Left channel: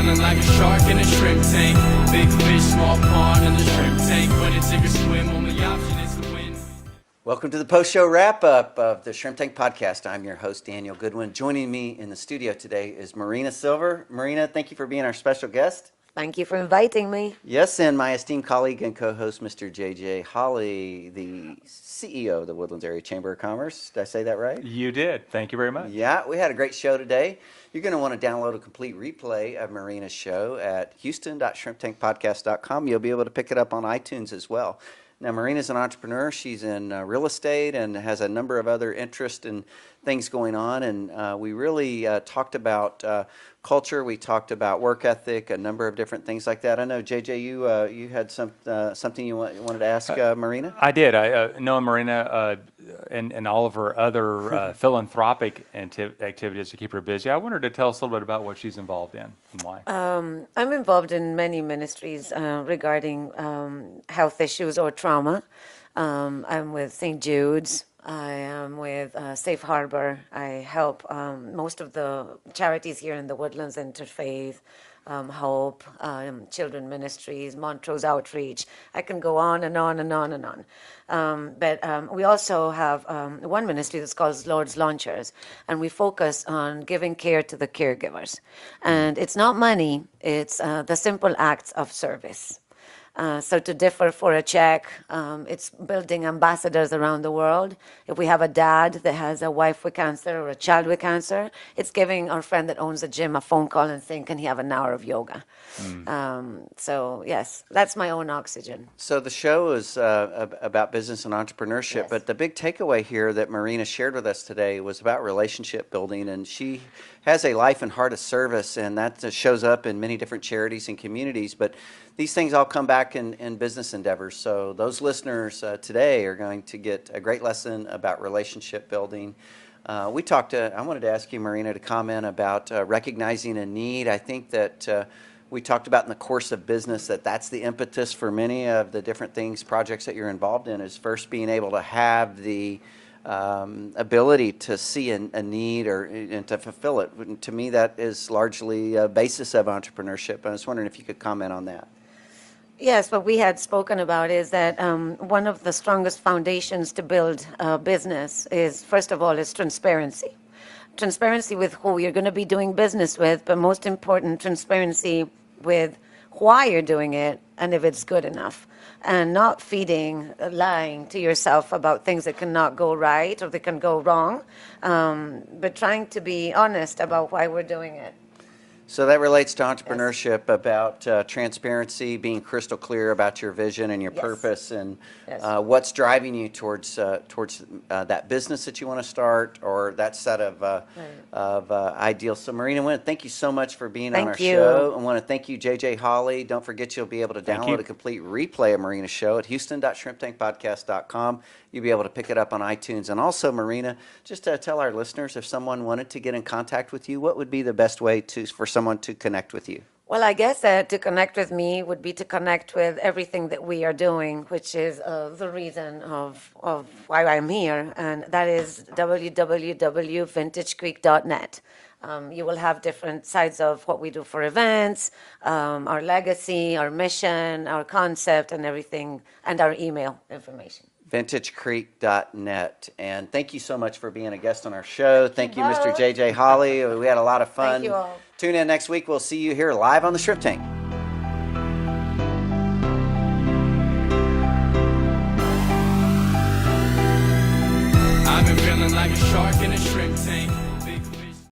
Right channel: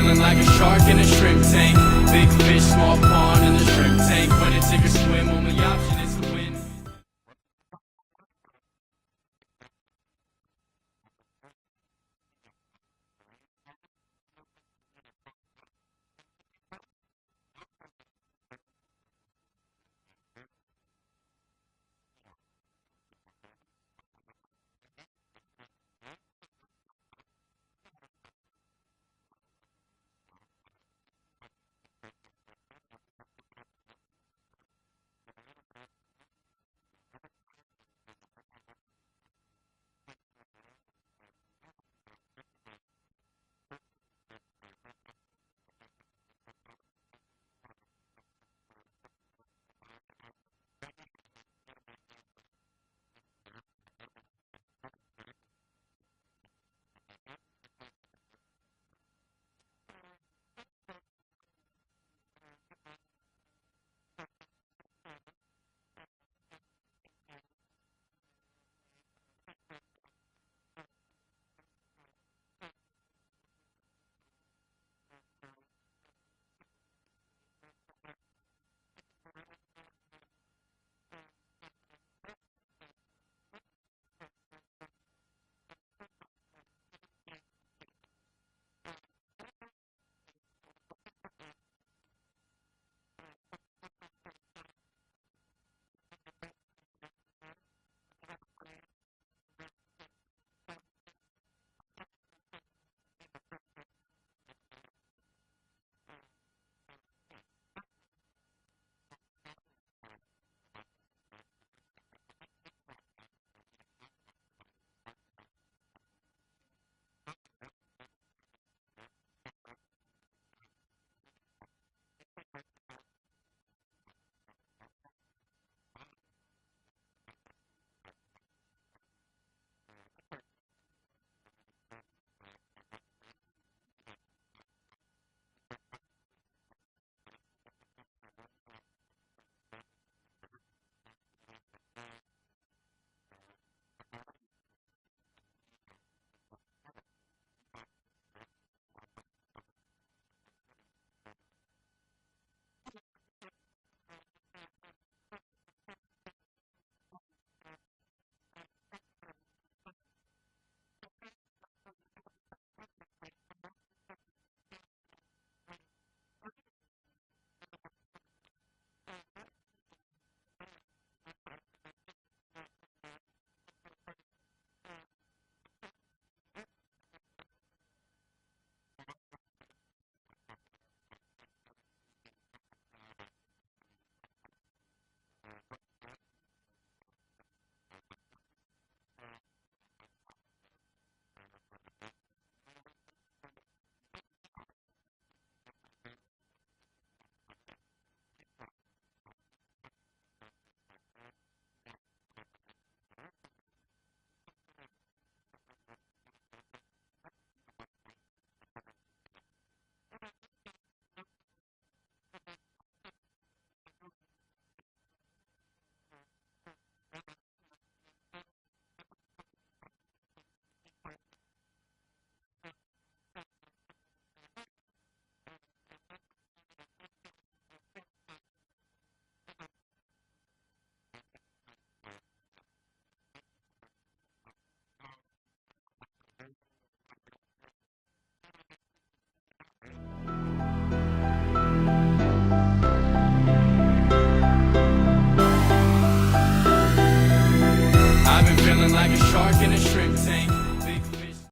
feeling like a shark in a shrimp tank. Big fish, small pond in the shrimp tank. When it take a swim, only option is to win. Welcome to the post-show wrap-up of the Shrimp Tank Podcast. I'm your host, Daniel Goodwin. Joining me in the studio today is Marina Silver. Marina, thank you for being our special guest. Thank you for inviting me. Yes, and my esteemed colleague and co-host, Mr. J.J. Holly, the CEO of the Woodlands Area Chamber of Commerce. Did I say that right? You did. Thank you very much. Yeah, we had a great show today. You're going to want to download a complete replay of Marina's show at houston.shrimptankpodcast.com. You'll be able to pick it up on iTunes as well. Now, Marina's an entrepreneur. She's in real estate and has a number of other interests and things going on. And we really talked about culture. We talked about work ethic, a number of different things like that. I know, JJ, you had something you wanted to ask Marina? I did. I know Marina and all of her other philanthropic activities to keep her busy. I wanted her to tell us a little bit about what she's involved in and why. I'm involved in many ministries regarding health issues or trauma. I'm with St. Jude's. I am with Safe Harbor. I help most of the charities here in the Woodlands, Interfaith, Hope, Children Ministries, Montrose Outreach. I can go on and on and on and on. But we also have one ministry that's called Lord's Launchers, and we focus on giving care to the caregivers. And it's not money, it's the simple acts of service. So to differ for a check, it's building ambassadors around the world. If we have a dad that has a wife with cancer or a child with cancer, it's giving our friend that owns a gym a phone call and saying, can he have an hour of yoga? So yes, that's my own oxygen. So the show is about business and entrepreneurship, Yes. but the big takeaway here that Marina shared with us today was about relationship building, and she has a life and heart of service, and that shows up in many different charities and communities, but these things all come back in business endeavors. So those listeners today are going to get a great lesson about relationship building. I wanted to ask you, Marina, to comment about recognizing a need. I think that we talked about in the course of business that's the impetus for many of the different things, projects that you're involved in, is first being able to have the ability to see a need and to fulfill it. And to me, that is largely a basis of entrepreneurship. I was wondering if you could comment on that. Yes, what we had spoken about is that one of the strongest foundations to build a business is, first of all, is transparency. Transparency with who you're going to be doing business with, but most important, transparency with why you're doing it and if it's good enough. And not lying to yourself about things that cannot go right or that can go wrong, but trying to be honest about why we're doing it. So that relates to entrepreneurship, about transparency, being crystal clear about your vision and your Yes. purpose, and Yes. What's driving you towards that business that you want to start or that set of ideals. So Marina, thank you so much for being on our Thank you. show. I want to thank you, JJ Holly. Don't forget you'll be able to Thank download you. a complete replay of Marina's show at houston.shrimptankpodcast.com. You'll be able to pick it up on iTunes. And also, Marina, just to tell our listeners, if someone wanted to get in contact with you, what would be the best way for someone to connect with you? Well, I guess that to connect with me would be to connect with everything that we are doing, which is the reason of why I'm here, and that is www.vintagecreek.net. You will have different sides of what we do for events, our legacy, our mission, our concept, and everything, and our email information. VintageCreek.net. And thank you so much for being a guest on our show. Thank you, Mr. both. JJ Holly. We had a lot of fun. Thank you all. Tune in next week. We'll see you here live on the Shrimp Tank. I've been feeling like a shark in a shrimp tank.